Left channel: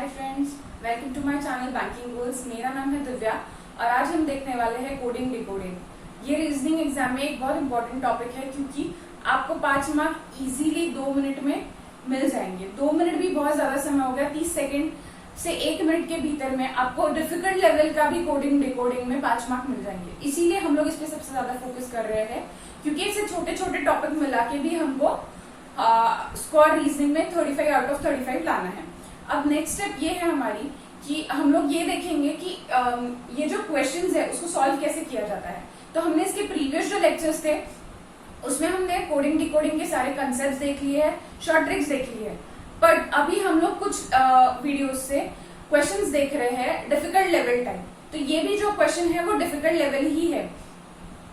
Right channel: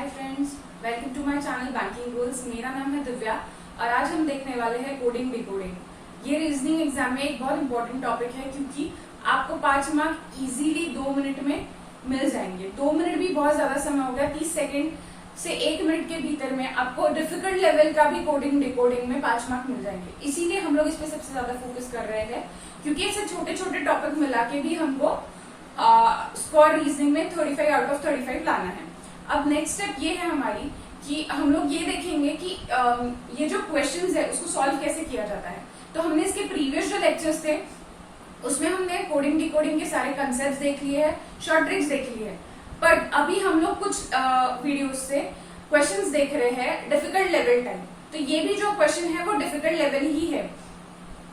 Hi friends, welcome to my channel banking goals. मेरा नाम है दिव्या और आज हम देखने वाले हैं कोडिंग डिकोडिंग। ये रीजनिंग एग्जाम में एक बहुत इंपॉर्टेंट टॉपिक है क्योंकि आपको 5 मार्क इजीली 2 मिनट में मिल जाएंगे। 2 मिनट भी बहुत ज्यादा समय हो गया, 30 सेकेंड से 1 मिनट के भीतर में आपको डिफिकल्ट लेवल का भी कोडिंग डिकोडिंग में 5 मार्क मिल जाएंगे। इसीलिए हम लोग इस पे सबसे ज्यादा फोकस कर रहे हैं क्योंकि इससे छोटे छोटे टॉपिक मिला के भी हमको स्कोर रीजनिंग में 35 आउट ऑफ 35 लाना है। अब नेक्स्ट स्टेप ये है हमारी कि हम लोग ये देखेंगे कि ये जो क्वेश्चंस है उसको सॉल्व कैसे किया जाता है। तो हमने इसके प्रीवियस जो लेक्चर्स थे उसमें हमने कोडिंग डिकोडिंग के सारे कंसेप्ट देख लिए हैं, शॉर्ट ट्रिक्स देख लिए हैं, पर अभी हम लोग कुछ वीडियोस से क्वेश्चंस देख रहे हैं डिफिकल्ट लेवल टाइप। तो ये भी जो क्वेश्चन है वो डिफिकल्ट लेवल ही है।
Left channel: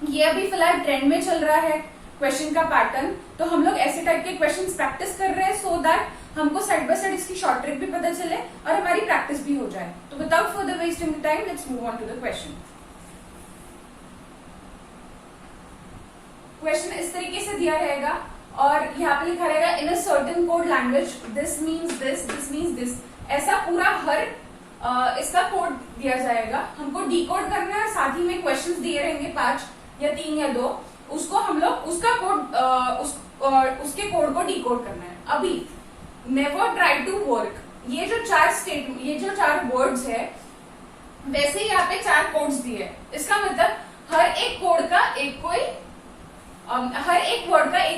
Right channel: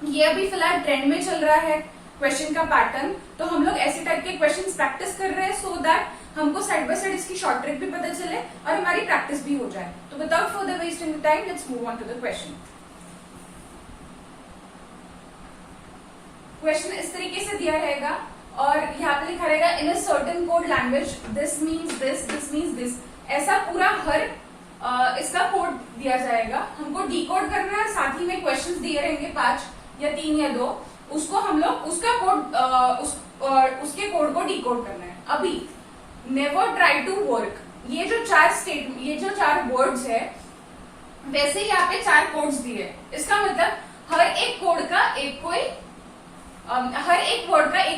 ये अभी फिलहाल ट्रेंड में चल रहा है क्वेश्चन का पैटर्न, तो हम लोग ऐसे टाइप के क्वेश्चंस प्रैक्टिस कर रहे हैं सो दैट हमको साइड बाय साइड इसकी शॉर्ट ट्रिक भी पता चले और हमारी प्रैक्टिस भी हो जाए। तो without further wasting time let's move on to the question. Question इस तरीके से दिया रहेगा और यहाँ पे लिखा रहेगा in a certain code language this means this means this. ऐसा पूरा हर इसका कोड दिया जाएगा, हमको डिकोड करना है। साथ ही में क्वेश्चंस दिए रहेंगे 5 या 3 या 2, उसको हम लोग उसका कोड उसके कोड को डिकोड करना है। अभी नेवर ट्राई टू वर्क, ये जो 4 वर्ड्स है वैसे ही यहाँ पे 4 कोड्स दिए। इसका मतलब हर एक वर्ड का एक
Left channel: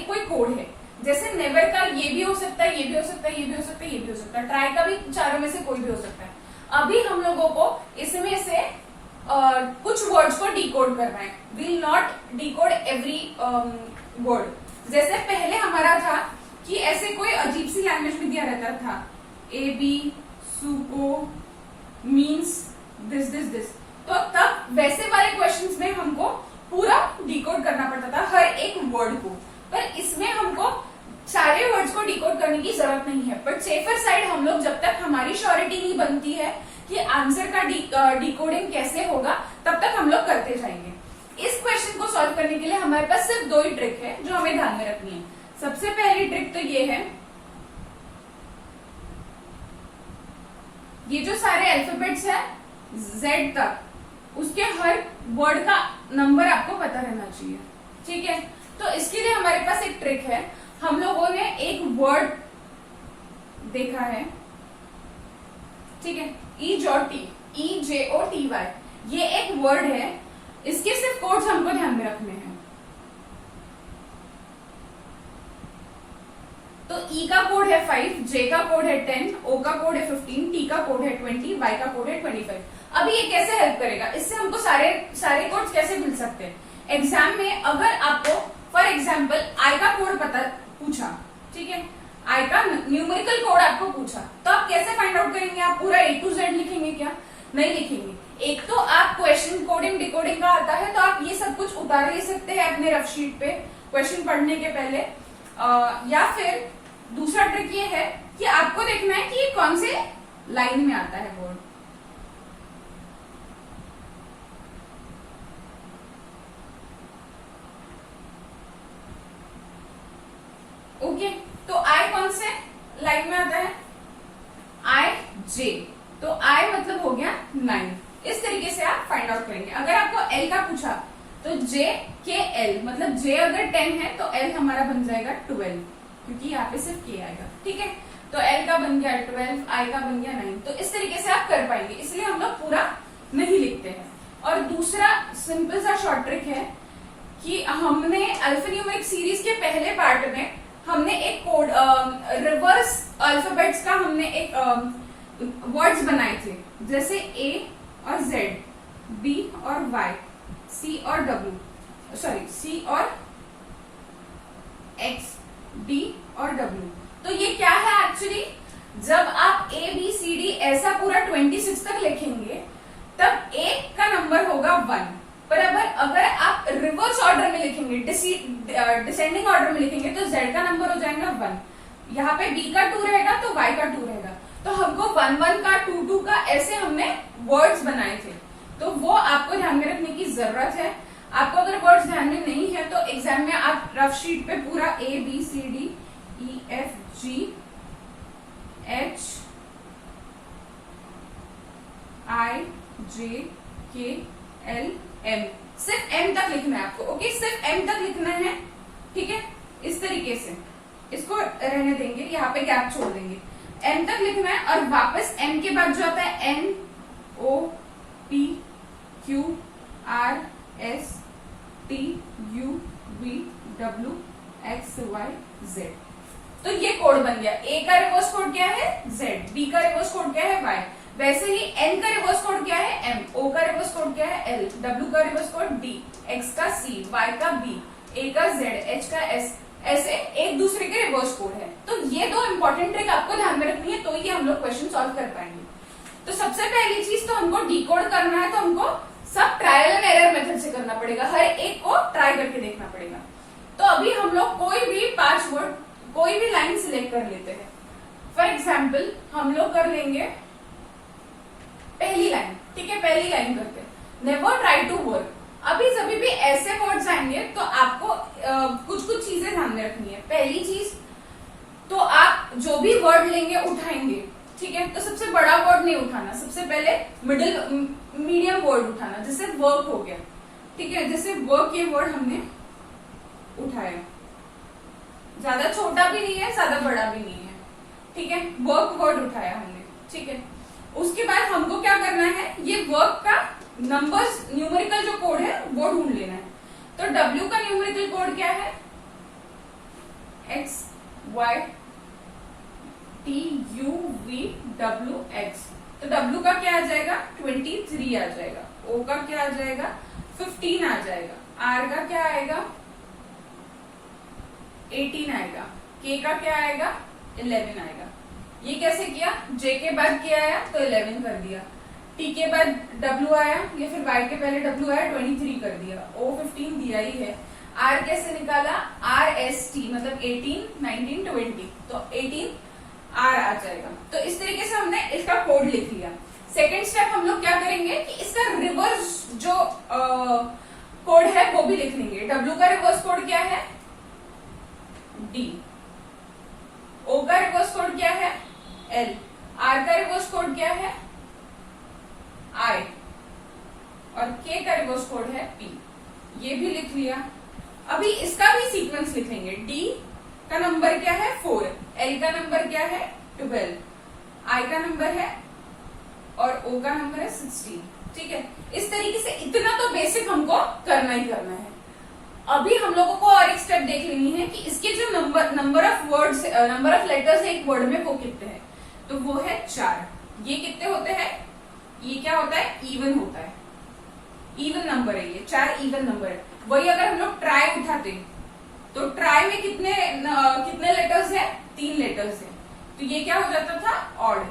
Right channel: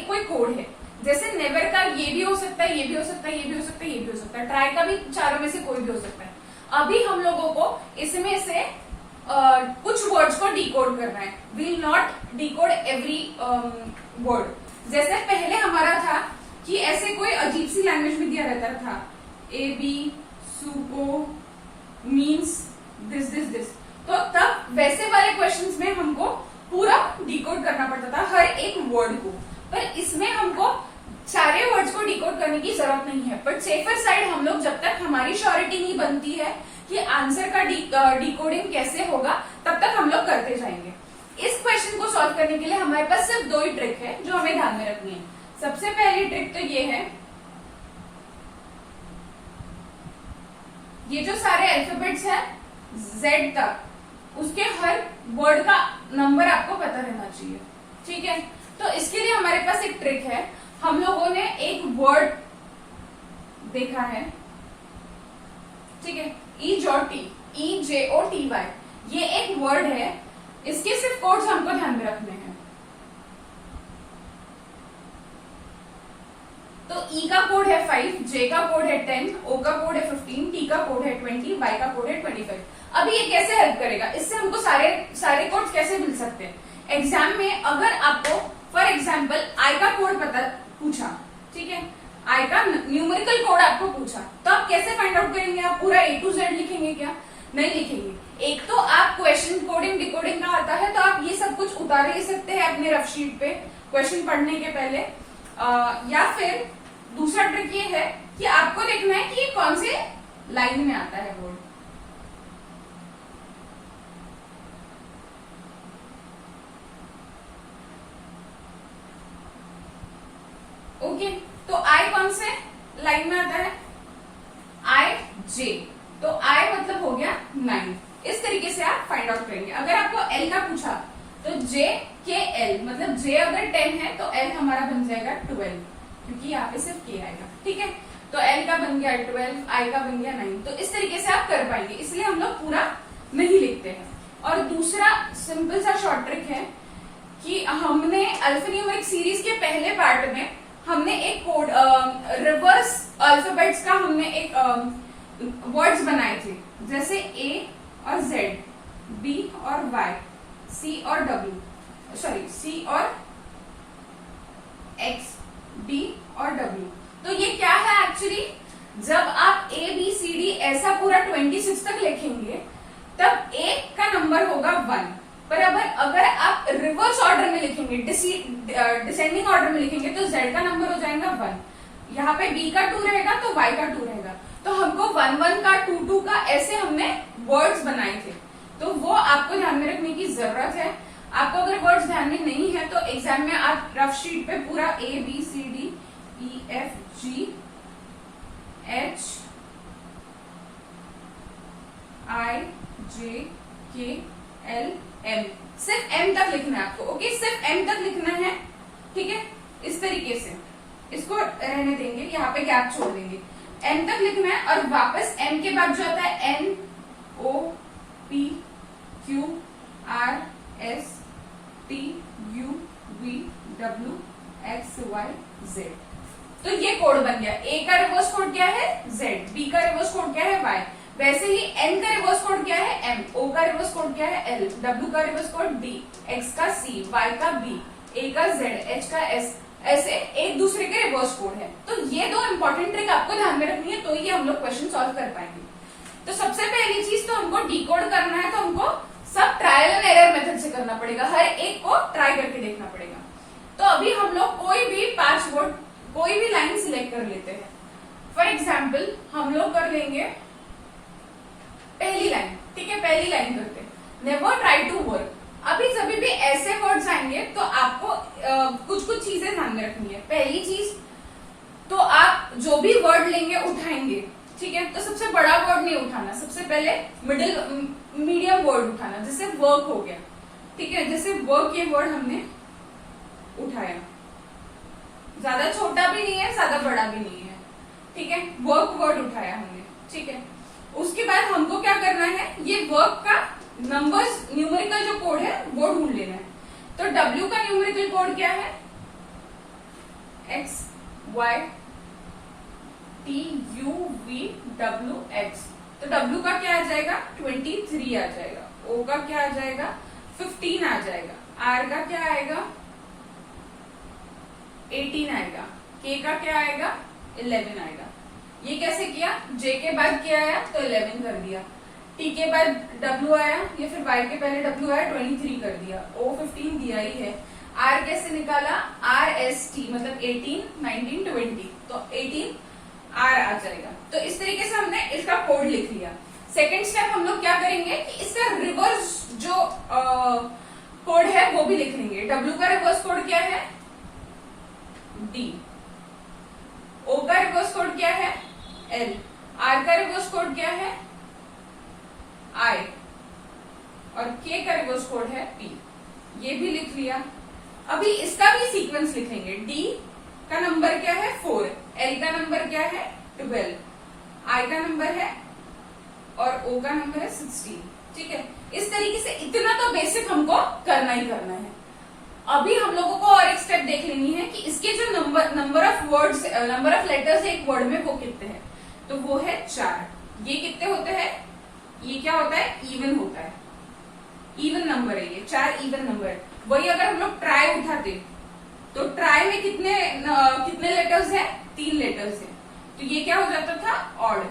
कोई कोड है। जैसे नेवर का ये भी हो सकता है, ये भी हो सकता है, ये भी हो सकता है, ये भी हो सकता है। ट्राई का भी चारों में से कोई भी हो सकता है। अभी हम लोगों को इसमें से कुछ वर्ड्स को डिकोड करना है। Will not decode every word. जैसे पहले हमारा था कि ऐसे कोई अजीब सी लैंग्वेज में दिया रहता था, ए बी सुको मीन्स दिस दिस दिस। तो तब वैसे वाले क्वेश्चंस में हमको पूरा डिकोड करना पड़ता था हर एक वर्ड को, पर इसमें हमको सारे वर्ड्स को डिकोड करने की जरूरत नहीं है। बट सेफर साइड हम लोग जब तक हमारी श्योरिटी नहीं बनती है कि आंसर का डिकोडिंग कैसे होगा तब तक हम लोग करते जाएंगे। इस क्वेश्चन को सॉल्व करने के लिए हमारे पास सिर्फ 2 ही ट्रिक है जो हमें ध्यान में रखनी है। सबसे पहली ट्रिक तो ये है, ये जो सारे अल्फाबेट्स है Z तक उसके हर वर्ड का नंबर आपको पता रहना चाहिए, ठीक है। तो इसके लिए हमारे पास एक ट्रिक है। हम लोगों ने एक वर्ड देखा है, ठीक है, EJOTY, ये एक वर्ड है। इसके सिर्फ कोड्स हमको ध्यान में रखने हैं। तो E का कोड है 5, J का कोड है 10, O का कोड है 15, T का कोड है 20, Y का कोड है 25। अभी ये कैसे हेल्प करेगा, इससे हमको सारे कोड्स कैसे मिल सकते हैं। एग्जाम में अगर आपको फॉर एग्जाम्पल I का कोड पूछा, ठीक है, I का न्यूमेरिकल कोड आपको पूछा, तो आप कैसे फाइंड आउट करेंगे? आप पूरा A to Z लिखेंगे क्या? नहीं लिखेंगे। एक तो आप क्वेश्चन कोडिंग डिकोडिंग का आता है तो आप ये सब कुछ उतार ले सकते हैं अपने रफ शीट पे क्वेश्चन पढ़ने के पहले, या फिर दूसरा ट्रिक ये है कि आपको देखना है कि ये कौन से लाइन में आता है वर्ड। ओके, तो I कौन से लाइन में आता है? IJ, तो I मतलब हो गया 9। इस तरीके से आप फाइंड आउट करेंगे। अगर आपको L का पूछा तो J के L, मतलब J अगर 10 है तो L हमारा बन जाएगा 12, क्योंकि यहाँ पे सिर्फ K आएगा, ठीक है। तो L का बन गया 12, I का बन गया 9। तो इस तरीके से आप कर पाएंगे, इसलिए हम लोग पूरा नहीं लिखते हैं। और दूसरा सिंपल सा शॉर्ट ट्रिक है कि हमने अल्फान्यूमेरिक सीरीज के पहले पार्ट में हमने एक कोड रिवर्स अल्फाबेट्स का हमने एक वर्ड्स बनाए थे, जैसे A और Z, B और Y, C और X, D और W। तो ये क्या है एक्चुअली, जब आप A B C D ऐसा पूरा 26 तक लिखेंगे तब A का नंबर होगा 1, पर अगर आप रिवर्स ऑर्डर में लिखेंगे, डिसेंडिंग ऑर्डर में लिखेंगे तो Z का नंबर हो जाएगा 1। यहाँ पे B का 2 रहेगा तो Y का 2 रहेगा। तो हमको 1 का 2 का ऐसे हमने वर्ड्स बनाए थे, तो वो आपको ध्यान में रखने की जरूरत है। आपको अगर वर्ड्स ध्यान में नहीं है तो एग्जाम में आप रफ शीट पे पूरा A B C D E F G H gap छोड़ देंगे, एम तक लिखना है और वापस एम के बाद जो आता है N O P Q R S T U V W X Y Z. तो ये कोड बन गया। ए का रिवर्स कोड क्या है जेड, बी का रिवर्स कोड क्या है वाई, वैसे ही एन का रिवर्स कोड क्या है एम, ओ का रिवर्स कोड क्या है एल, डब्ल्यू का रिवर्स कोड डी, एक्स का सी, वाई का बी, ए का जेड, एच का एस, ऐसे एक दूसरे के रिवर्स कोड है। तो ये दो इंपॉर्टेंट ट्रिक आपको ध्यान में रखनी है, तो ये हम लोग क्वेश्चन सॉल्व कर पाएंगे। तो सबसे पहली चीज तो हमको डिकोड करना है, तो हमको सब ट्रायल एंड एरर मेथड से करना पड़ेगा, हर एक को ट्राई करके देखना पड़ेगा। तो अभी हम लोग कोई भी 5 वर्ड कोई भी लाइन सिलेक्ट कर लेते हैं। फॉर एग्जाम्पल हम लोग कर लेंगे पहली लाइन, ठीक है, पहली लाइन करके नेवर ट्राई टू वर्क। अभी जब भी ऐसे वर्ड्स आएंगे तो आपको कुछ कुछ चीजें ध्यान में रखनी है। पहली चीज तो आप जो भी वर्ड लेंगे उठाएंगे, ठीक है, तो सबसे बड़ा वर्ड नहीं उठाना, सबसे पहले मीडियम वर्ड उठाना, जैसे वर्क हो गया, ठीक है, जैसे वर्क ये वर्ड हमने उठाया, ज्यादा छोटा भी नहीं है ज्यादा बड़ा भी नहीं है, ठीक है, वर्क वर्ड उठाया हमने, ठीक है। उसके बाद हमको क्या करना है, ये वर्क का नंबर्स न्यूमेरिकल जो कोड है वो ढूंढ लेना है। तो W का न्यूमेरिकल कोड क्या है, X Y T U V W X। तो W का क्या आ जाएगा 23 आ जाएगा, O का क्या आ जाएगा 15 आ जाएगा, R का क्या आएगा 18 आएगा, K का क्या आएगा 11 आएगा। ये कैसे किया, J के बाद क्या आया तो 11 कर दिया, T के बाद W आया या फिर Y के पहले W आया 23 कर दिया, O 15 दिया ही है। R कैसे निकाला, R S T मतलब 18 19 20, तो 18 R आ जाएगा। तो इस तरीके से हमने इसका कोड लिख लिया। सेकेंड स्टेप हम लोग क्या करेंगे कि इसका रिवर्स जो कोड है वो भी लिख लेंगे। W का रिवर्स कोड क्या है D, O का रिवर्स कोड क्या है L, R का रिवर्स कोड क्या है I और K का रिवर्स कोड है P। ये भी लिख लिया। अभी इसका भी सीक्वेंस लिखेंगे। D का नंबर क्या है 4, L का नंबर क्या है 12, I का नंबर है और O का नंबर है 16, ठीक है। इस तरीके से इतना तो बेसिक हमको करना ही करना है। अभी हम लोगों को और एक स्टेप देख लेनी है कि इसके जो number of words number of letters है एक वर्ड में वो कितने हैं, तो वो है 4। ये कितने होते हैं, ये क्या होता है इवन होता है, इवन नंबर है ये, 4 इवन नंबर है। वही अगर हम लोग ट्राई उठाते तो ट्राई में कितने लेटर्स है 3 लेटर्स है, तो ये क्या हो जाता था ऑड।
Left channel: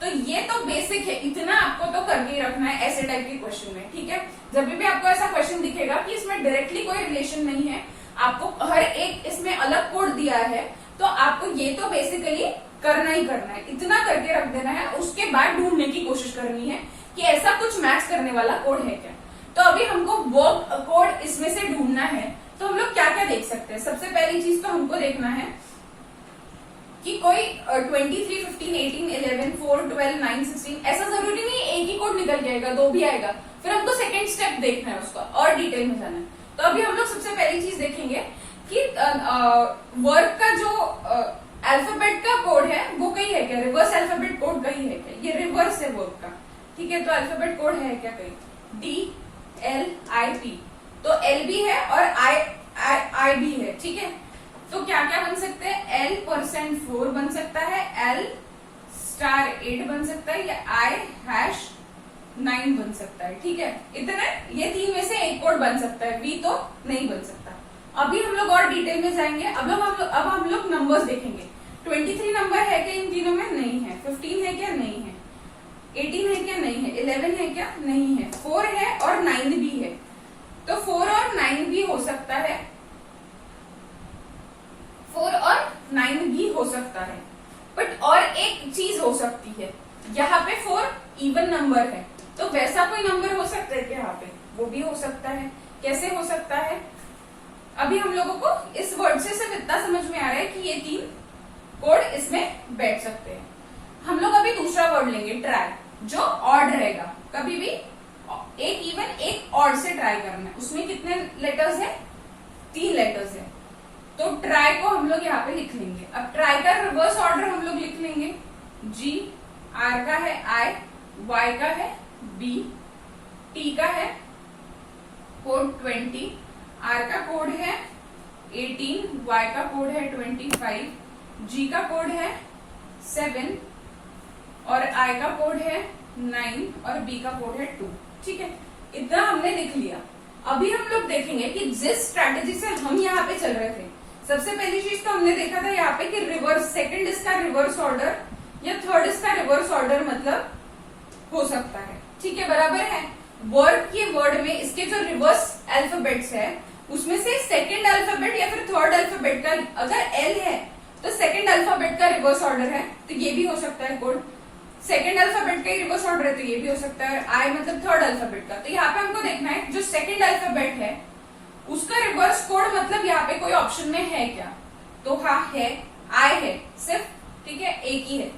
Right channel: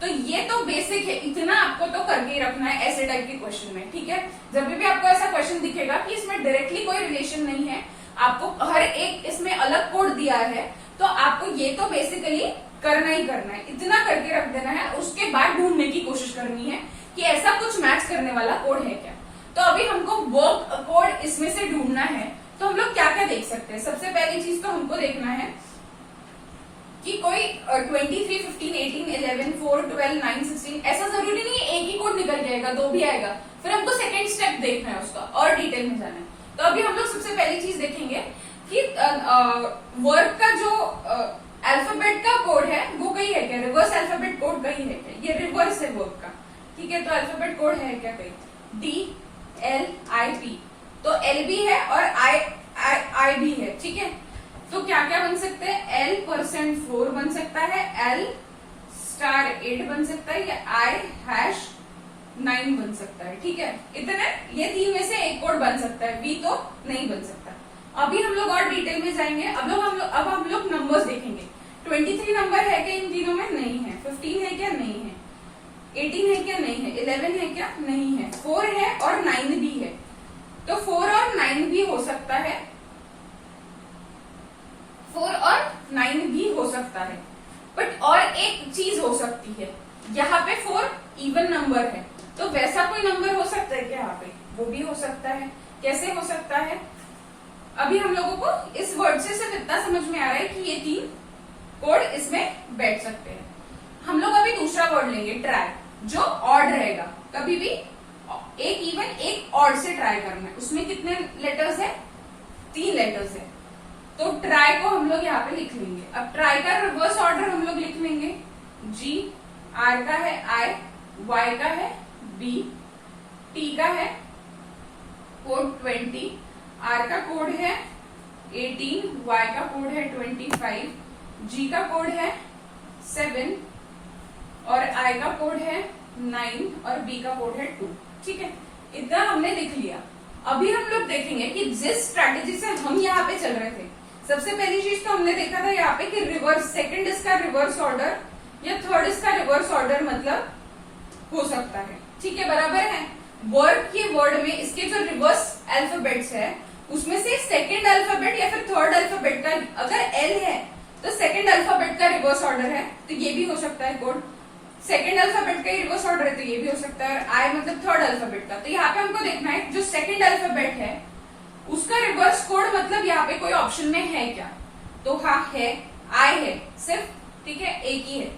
तो ये तो बेसिक है, इतना आपको तो करके ही रखना है ऐसे टाइप के क्वेश्चन में, ठीक है। जब भी आपको ऐसा क्वेश्चन दिखेगा कि इसमें डायरेक्टली कोई रिलेशन नहीं है, आपको हर एक इसमें अलग कोड दिया है, तो आपको ये तो बेसिकली करना ही करना है, इतना करके रख देना है। उसके बाद ढूंढने की कोशिश करनी है कि ऐसा कुछ मैच करने वाला कोड है क्या। तो अभी हमको वर्क कोड इसमें से ढूंढना है, तो हम लोग क्या क्या देख सकते हैं। सबसे पहली चीज तो हमको देखना है कि कोई 23 15 18 11 4 12 9 16 ऐसा जरूरी नहीं है एक ही कोड निकल जाएगा, 2 भी आएगा। फिर हमको सेकेंड स्टेप देखना है उसका और डिटेल में जाना है। तो अभी हम लोग सबसे पहली चीज देखेंगे कि वर्क का जो अल्फाबेट का कोड है वो कहीं है क्या, रिवर्स अल्फाबेट कोड कहीं है क्या, ये रिवर्स है वर्क का, ठीक है। तो अल्फाबेट कोड है क्या कहीं DLIP, तो L भी है और I भी है, ठीक है। तो क्या क्या बन सकते हैं, L% 4 बन सकता है, L*8 बन सकता है, या I#9 बन सकता है, ठीक है। इतने ये 3 में से एक कोड बन सकता है, V तो नहीं बन सकता। अभी हम लोग और डिटेल में जाएंगे। अब हम लोग नंबर्स देखेंगे। 23 नंबर है क्या इन तीनों में, नहीं है। 15 है क्या, नहीं है। 18 है क्या, नहीं है। 11 है क्या, नहीं है। 4 है और 9 भी है, तो 4 और 9 भी हो सकता है, 4 और 9 भी हो सकता है। बट और एक चीज हो सकती है, यहाँ पे 4 इवन नंबर है, तो वैसा कोई नंबर हो सकता है क्या यहाँ पे, वो भी हो सकता है। कैसे हो सकता है, अभी हम लोगों को इस वर्ड से सिर्फ इतना समझ में आ रहा है कि ये 3 कोड इसमें बैठ सकते हैं। हम लोग अभी दूसरा वर्ड लेंगे ट्राई, जो ऑड रहेगा। कभी भी एक इवन एक ऑड से ट्राई करना है। उसमें कितने लेटर्स है, 3 लेटर्स है। तो ट्राई को हम लोग यहाँ पे लिख लेंगे। अब ट्राई का रिवर्स ऑर्डर हम लोग लिख लेंगे। जी, आर का है आई, वाई का है बी, टी का है कोड 20, आर का कोड है 18, वाई का कोड है 25, जी का कोड है 7 और आई का कोड है 9 और बी का कोड है 2। ठीक है, इतना हमने लिख लिया। अभी हम लोग देखेंगे कि जिस स्ट्रैटेजी से हम यहाँ पे चल रहे थे, सबसे पहली चीज तो हमने देखा था यहाँ पे कि रिवर्स, सेकंड इसका रिवर्स ऑर्डर या थर्ड इसका रिवर्स ऑर्डर मतलब हो सकता है। ठीक है, बराबर है। वर्ड के वर्ड में इसके जो रिवर्स अल्फाबेट्स है उसमें से सेकंड अल्फाबेट या फिर थर्ड अल्फाबेट का अगर एल है तो सेकंड अल्फाबेट का रिवर्स ऑर्डर है, तो ये भी हो सकता है कोड। सेकंड अल्फाबेट का रिवर्स ऑर्डर है तो ये भी हो सकता है। आई मतलब थर्ड अल्फाबेट का, तो यहाँ पे हमको देखना है जो सेकंड अल्फाबेट है उसका रिवर्स कोड मतलब यहाँ पे कोई ऑप्शन में है क्या, तो हाँ है, आई है सिर्फ, ठीक है, एक ही है।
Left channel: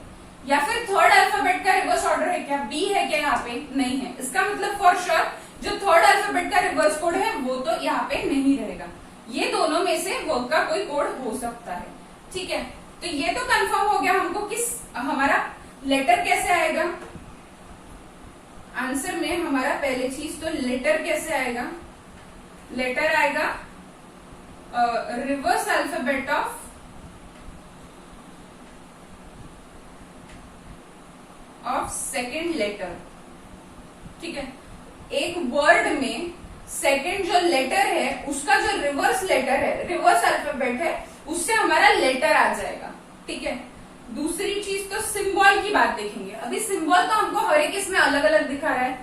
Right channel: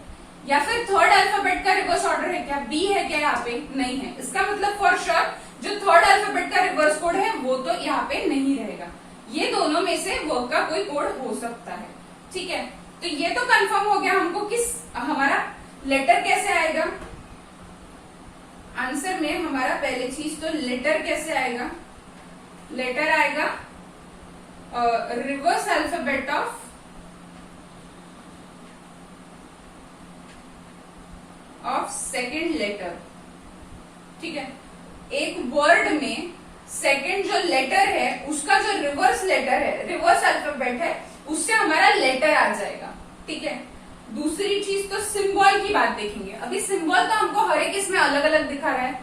या फिर थर्ड अल्फाबेट का रिवर्स ऑर्डर है क्या, बी है क्या, यहाँ पे नहीं है। इसका मतलब फॉर श्योर जो थर्ड अल्फाबेट का रिवर्स कोड है वो तो यहाँ पे नहीं रहेगा। ये दोनों में से वर्ड का कोई कोड हो सकता है। ठीक है, तो ये तो कंफर्म हो गया हमको किस हमारा लेटर कैसे आएगा आंसर में। हमारा पहले चीज तो लेटर कैसे आएगा, लेटर आएगा reverse alphabet of second letter. ठीक है, एक वर्ड में सेकेंड जो लेटर है उसका जो रिवर्स लेटर है, रिवर्स अल्फाबेट है, उससे हमारा लेटर आ जाएगा। ठीक है, दूसरी चीज तो सिंबल की बात देखेंगे। अभी सिंबल तो हमको हर एक इसमें अलग अलग दिखा रहा है।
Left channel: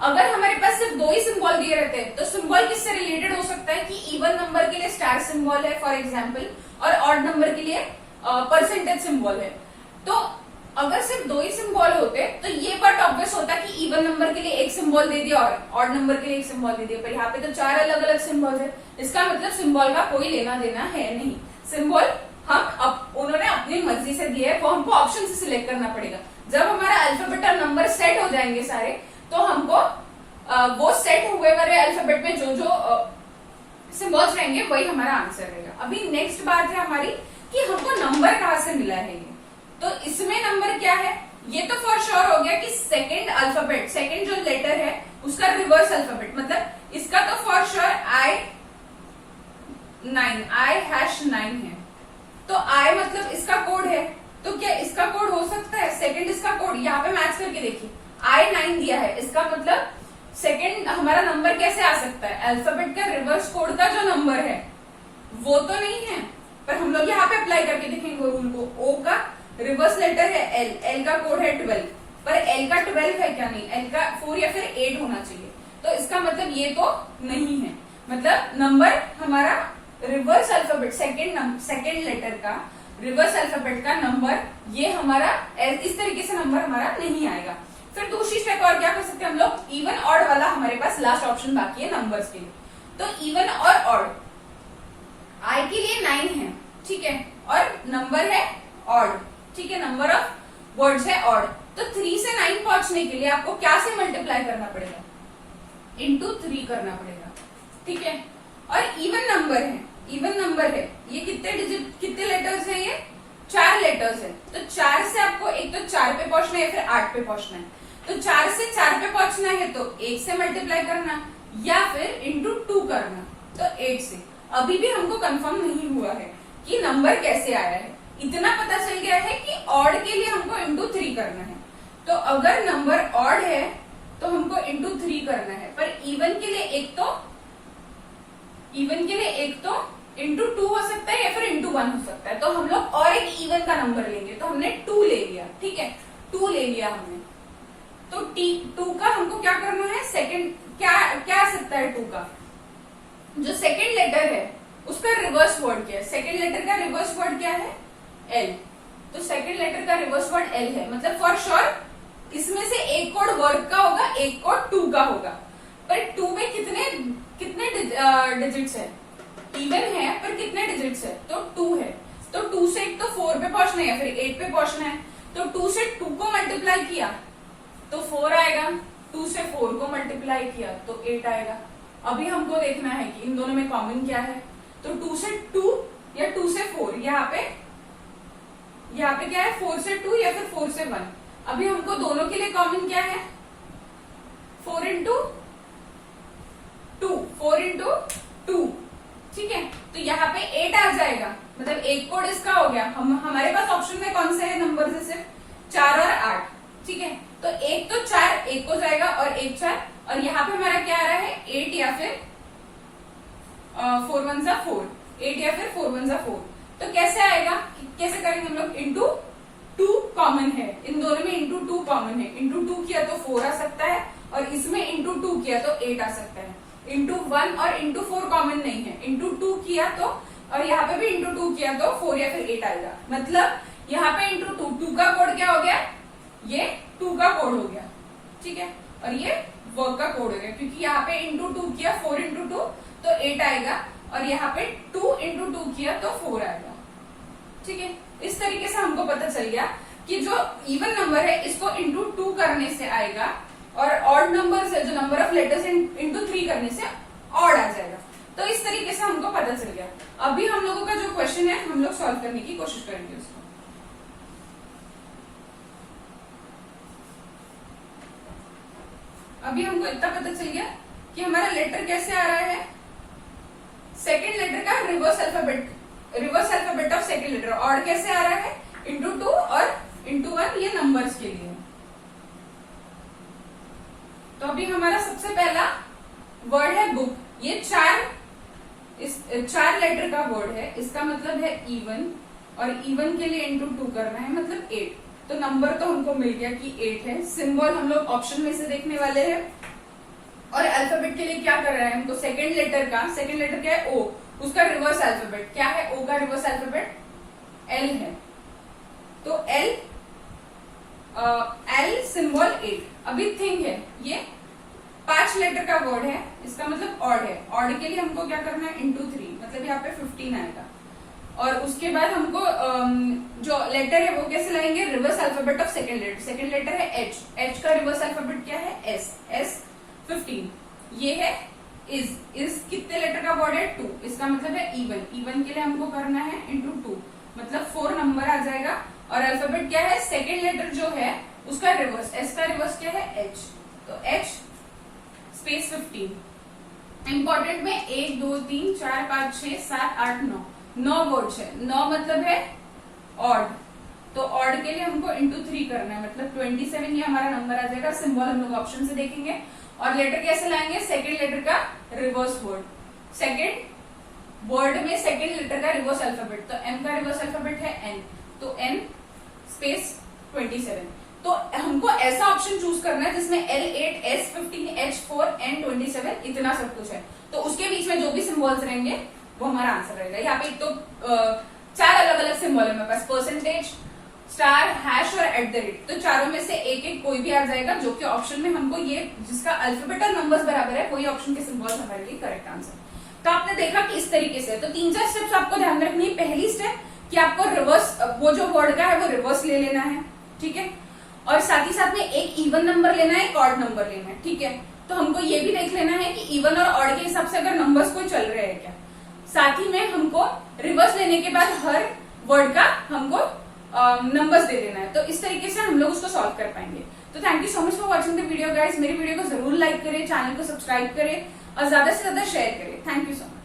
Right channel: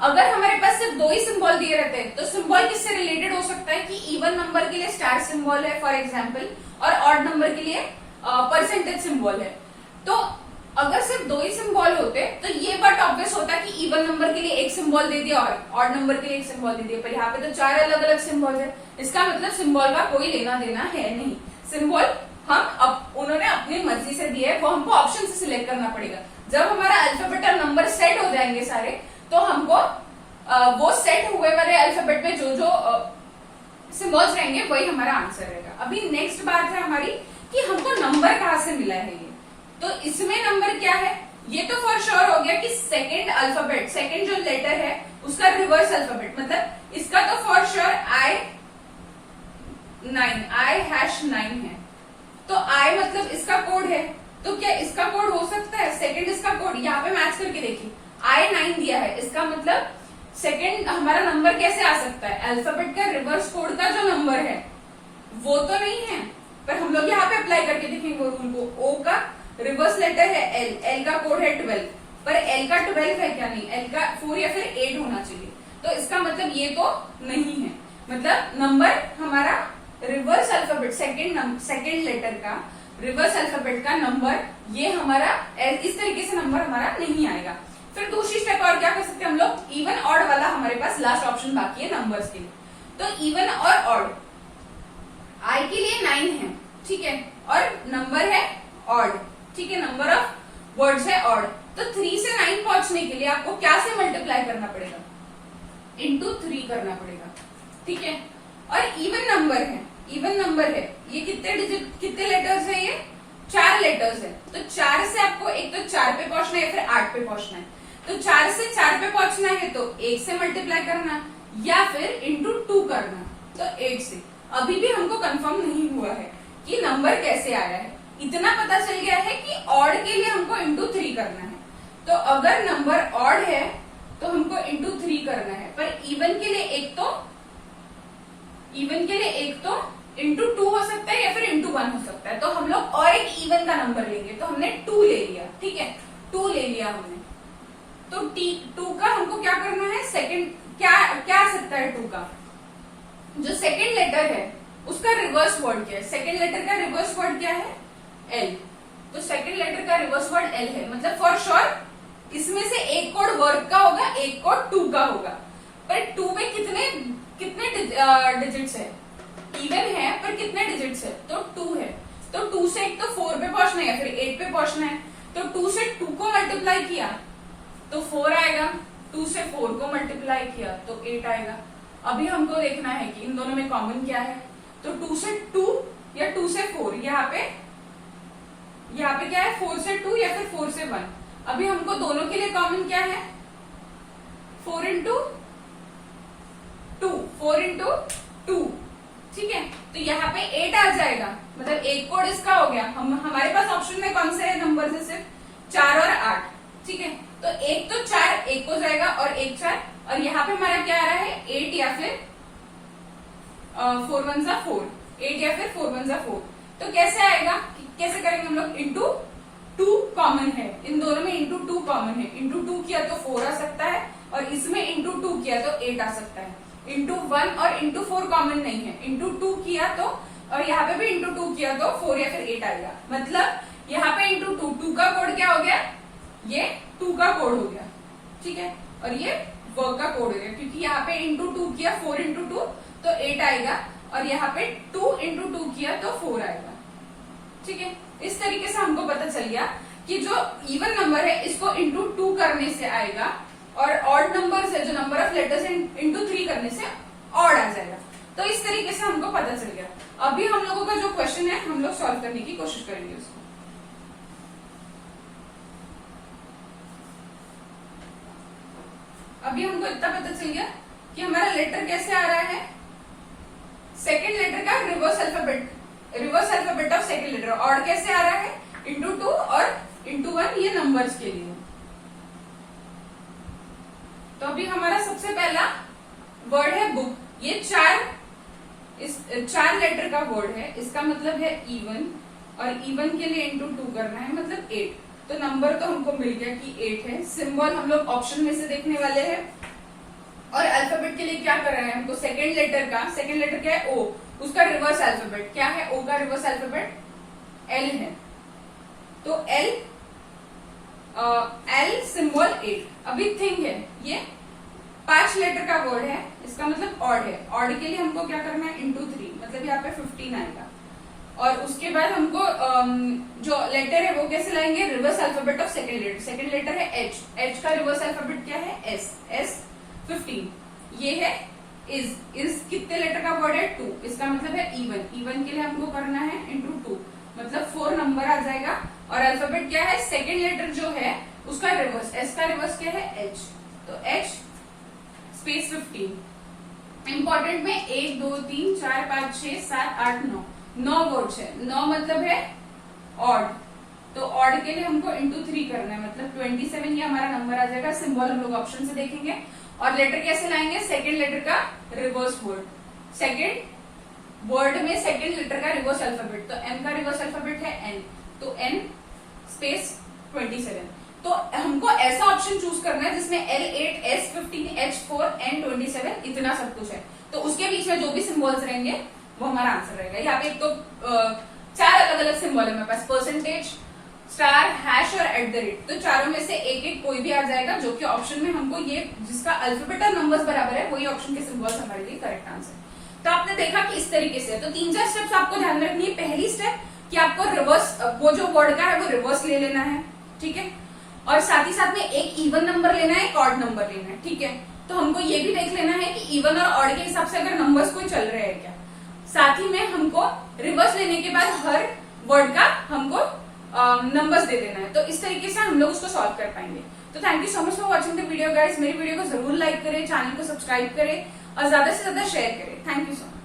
अगर हमारे पास सिर्फ 2 ही सिंबल दिए रहते हैं तो सिंबल किससे रिलेटेड हो सकता है कि इवन नंबर के लिए स्टार सिंबल है फॉर एग्जाम्पल, और ऑड नंबर के लिए परसेंटेज सिंबल है। तो अगर सिर्फ 2 ही सिंबल होते तो ये बात ऑब्वियस होता कि इवन नंबर के लिए एक सिंबल दे दिया और ऑड नंबर के लिए एक सिंबल दे दिया, पर यहाँ पे तो 4 अलग अलग सिंबल है। इसका मतलब सिंबल का कोई लेना देना है नहीं। सिंबल हम उन्होंने अपनी मर्जी से दिए है, वो हमको ऑप्शन से सिलेक्ट करना पड़ेगा। जब हमारा अल्फाबेट और नंबर सेट हो जाएंगे सारे, तो हमको वो सेट हुए वाले अल्फाबेट में जो जो सिंबल्स रहेंगे वही हमारा आंसर रहेगा। अभी नेक्स्ट बात है हमारी कि हमको नंबर कहाँ से मिला है ये। तो इसमें नंबर क्या है, ये तो फॉर श्योर हो गया कि सेकंड अल्फाबेट, सेकंड जो लेटर है उसका रिवर्स अल्फाबेट, मतलब इसका तो फॉर श्योर आई 9 है। तो आई मतलब इसका कोड है, तो क्या इसका कोड हो सकता है सेकंड इसका कोड, यहाँ पे मैच करके देखिए आई 9 दिया है, इसका मतलब सेकंड हमारा नंबर कैसे आ सकता है, अल्फाबेट का रिवर्स कोड का जो नंबर है वो तो नहीं है। पर हम लोग यहाँ पे अप्लाई करके देखेंगे रूल को। ओ का रिवर्स लेटर है एल, एल का कोड है 12, पर एल का 12 है क्या, नहीं, एल का 4 या फिर 8 होना चाहिए। तो इसका मतलब ये तो नहीं है, मतलब नंबर हमारा रिवर्स अल्फाबेट सेकेंड लेटर का रिवर्स अल्फाबेट का नंबर ये हमारा इस तरीके से नंबर हमारा नहीं आएगा। फिर दूसरी स्टेप और क्या कर सकते हैं हम लोग, इवन ऑड वाला हमारे पास लास्ट ऑप्शन बाकी है नंबर्स के लिए। तो इवन और ऑड, आई के लिए 9 है, ठीक है, और नंबर है ऑड, ठीक है, नंबर ऑफ वर्ड्स है ऑड। तो 3 से 9 पहुंचने के लिए आपको क्या से मल्टीप्लाई करना पड़ेगा, इंटू 3 करना पड़ेगा। ठीक है, और इवन नंबर है, इवन नंबर है, ये कितने डिजिट कितने लेटर्स है, ये 4 लेटर्स है। तो 4 से आपको एक तो 4 पे पहुंचना है या फिर 8 पे पहुंचना है। तो 4 से 4 पे पहुंचना है तो 1 से मल्टीप्लाई करना या फिर इंटू 2 करना, तो 8 से। अभी भी हमको कंफर्म नहीं हुआ है कि नंबर कैसे आया है, इतना पता चल गया है कि ऑड के लिए हमको इंटू 3 करना है। तो अगर नंबर ऑड है तो हमको इंटू 3 करना है, पर इवन के लिए एक तो इंटू 2 हो सकता है या फिर इंटू 1 हो सकता है। तो हम लोग और एक इवन का नंबर लेंगे, तो हमने 2 ले लिया, ठीक है, 2 ले लिया हमने। तो 2 का हमको क्या करना है, सेकंड क्या आ सकता है 2 का, जो सेकंड लेटर है उसका रिवर्स वर्ड क्या है, सेकंड लेटर का रिवर्स वर्ड क्या है, एल। तो सेकंड लेटर का रिवर्स वर्ड एल है, मतलब फॉर श्योर इसमें से एक कोड वर्ड का होगा, एक कोड 2 का होगा। पर 2 में कितने डिजिट्स है, इवन है पर कितने डिजिट्स है, तो 2 है। तो 2 से एक तो 4 पे पहुंचना है या फिर 8 पे पहुंचना है। तो 2 से 2 को मल्टीप्लाई किया तो 4 आएगा, 2 से 4 को मल्टीप्लाई किया तो 8 आएगा। अभी हमको देखना है कि इन दोनों में कॉमन क्या है। तो 2 से 2 या 2 से 4, यहाँ पे क्या है 4 से 2 या फिर 4 से 1। अभी हमको दोनों के लिए कॉमन क्या है 4 इंटू 2, ठीक है। तो यहाँ पे 8 आ जाएगा, मतलब एक कोड इसका हो गया। हमारे पास ऑप्शन में कौन से नंबर है, सिर्फ 4 और 8, ठीक है। तो एक तो 4 एक हो जाएगा और एक 4, और यहाँ पे हमारा क्या आ रहा है 8 या फिर 4 1 4, 8 या फिर 4 1 4। तो कैसे आएगा, कैसे करेंगे हम लोग, इंटू 2 कॉमन है, इन दोनों में इंटू 2 कॉमन है। इंटू 2 किया तो 4 आ सकता है, और इसमें इंटू 2 किया तो 8 आ सकता है। इंटू 1 और इंटू 4 कॉमन नहीं है, इंटू 2 किया तो, और यहाँ पे भी इंटू 2 किया तो 4 या फिर 8 आएगा। मतलब यहाँ पे इंटू 2 का कोड क्या हो गया, ये 2 का कोड हो गया, ठीक है। और ये वर्क का कोड हो गया, क्योंकि यहाँ पे इंटू 2 किया 4 इंटू 2 तो 8 आएगा, और यहाँ पे 2 इंटू 2 किया तो 4 आएगा, ठीक है। इस तरीके से हमको पता चल गया कि जो इवन नंबर है इसको इंटू 2 करने से आएगा, और ऑड नंबर से जो नंबर ऑफ लेटर्स इंटू 3 करने से ऑड आ जाएगा। तो इस तरीके से हमको पता चल गया। अभी हम लोगों का जो क्वेश्चन है हम लोग सॉल्व करने की कोशिश करेंगे उसको। अभी हमको इतना पता चल गया कि हमारा लेटर कैसे आ रहा है, सेकेंड लेटर का reverse alphabet of second letter. Odd कैसे आ रहा है, इंटू 2 और इंटू 1, ये नंबर्स के लिए। तो अभी हमारा सबसे पहला वर्ड है बुक। ये 4 लेटर का वर्ड है, इसका मतलब है इवन, और इवन के लिए इंटू 2 करना है, मतलब 8। तो नंबर तो हमको मिल गया कि 8 है। सिंबल हम लोग ऑप्शन में से देखने वाले हैं, और अल्फाबेट के लिए क्या कर रहे हैं हमको, सेकेंड लेटर क्या है ओ, उसका रिवर्स अल्फाबेट क्या है, ओ का रिवर्स अल्फाबेट एल है। तो एल सिंबल 8। अभी थिंग है, ये 5 लेटर का वर्ड है, इसका मतलब ऑड है। ऑड के लिए हमको क्या करना है, इंटू 3, मतलब यहाँ पे 15 आएगा। और उसके बाद हमको जो लेटर है वो कैसे लाएंगे, reverse alphabet of second letter है एच का रिवर्स अल्फाबेट क्या है एस 15। ये है इज कितने लेटर का वर्ड है 2, इसका मतलब है इवन के लिए हमको करना है इंटू 2, मतलब 4 नंबर आ जाएगा। और अल्फाबेट क्या है, सेकेंड लेटर जो है उसका रिवर्स, एस का रिवर्स क्या है एच, तो एच स्पेस 15। इंपॉर्टेंट में 1 2 3 4 5 6 7 8 9 वर्ड्स है। 9 मतलब है ऑड, तो ऑड के लिए हमको इंटू 3 करना है, मतलब 27 ये हमारा नंबर आ जाएगा। सिंबल हम लोग ऑप्शन से देखेंगे। और लेटर कैसे लाएंगे, सेकेंड लेटर का रिवर्स वर्ड, सेकेंड वर्ड में सेकेंड लेटर का रिवर्स अल्फाबेट, तो एम का रिवर्स अल्फाबेट है एन, तो एन स्पेस 27। तो हमको ऐसा ऑप्शन चूज करना है जिसमें L8 S15 H4 N27 इतना सब कुछ है, तो उसके बीच में जो भी सिंबल्स रहेंगे वो हमारा आंसर रहेगा। यहाँ पे एक तो 4 अलग अलग सिंबल है मेरे पास, परसेंटेज, स्टार, हैश और @, तो चारों में से एक कोई भी आ जाएगा, जो कि ऑप्शन में हमको ये जिसका अल्फाबेट और नंबर्स बराबर है वही ऑप्शन के सिंबल्स हमारे लिए करेक्ट आंसर। तो आपने देखा कि इस तरीके से, तो 3-4 स्टेप्स आपको ध्यान रखनी है। पहली स्टेप कि आपको रिवर्स, वो जो वर्ड का है वो रिवर्स ले लेना है, ठीक है। और साथ ही साथ में एक इवन नंबर लेना है, एक ऑड नंबर लेना है, ठीक है। तो हमको ये भी देख लेना है कि इवन और ऑड के हिसाब से अगर नंबर्स कोई चल रहे हैं क्या। साथ ही में हमको रिवर्स लेने के बाद हर वर्ड का हमको नंबर्स दे देना है। तो इस तरीके से हम लोग उसको सॉल्व कर पाएंगे। तो thank you so much for watching the video guys. मेरी वीडियो को जरूर लाइक करें, चैनल को सब्सक्राइब करें और ज्यादा से ज्यादा शेयर करें। Thank you so much.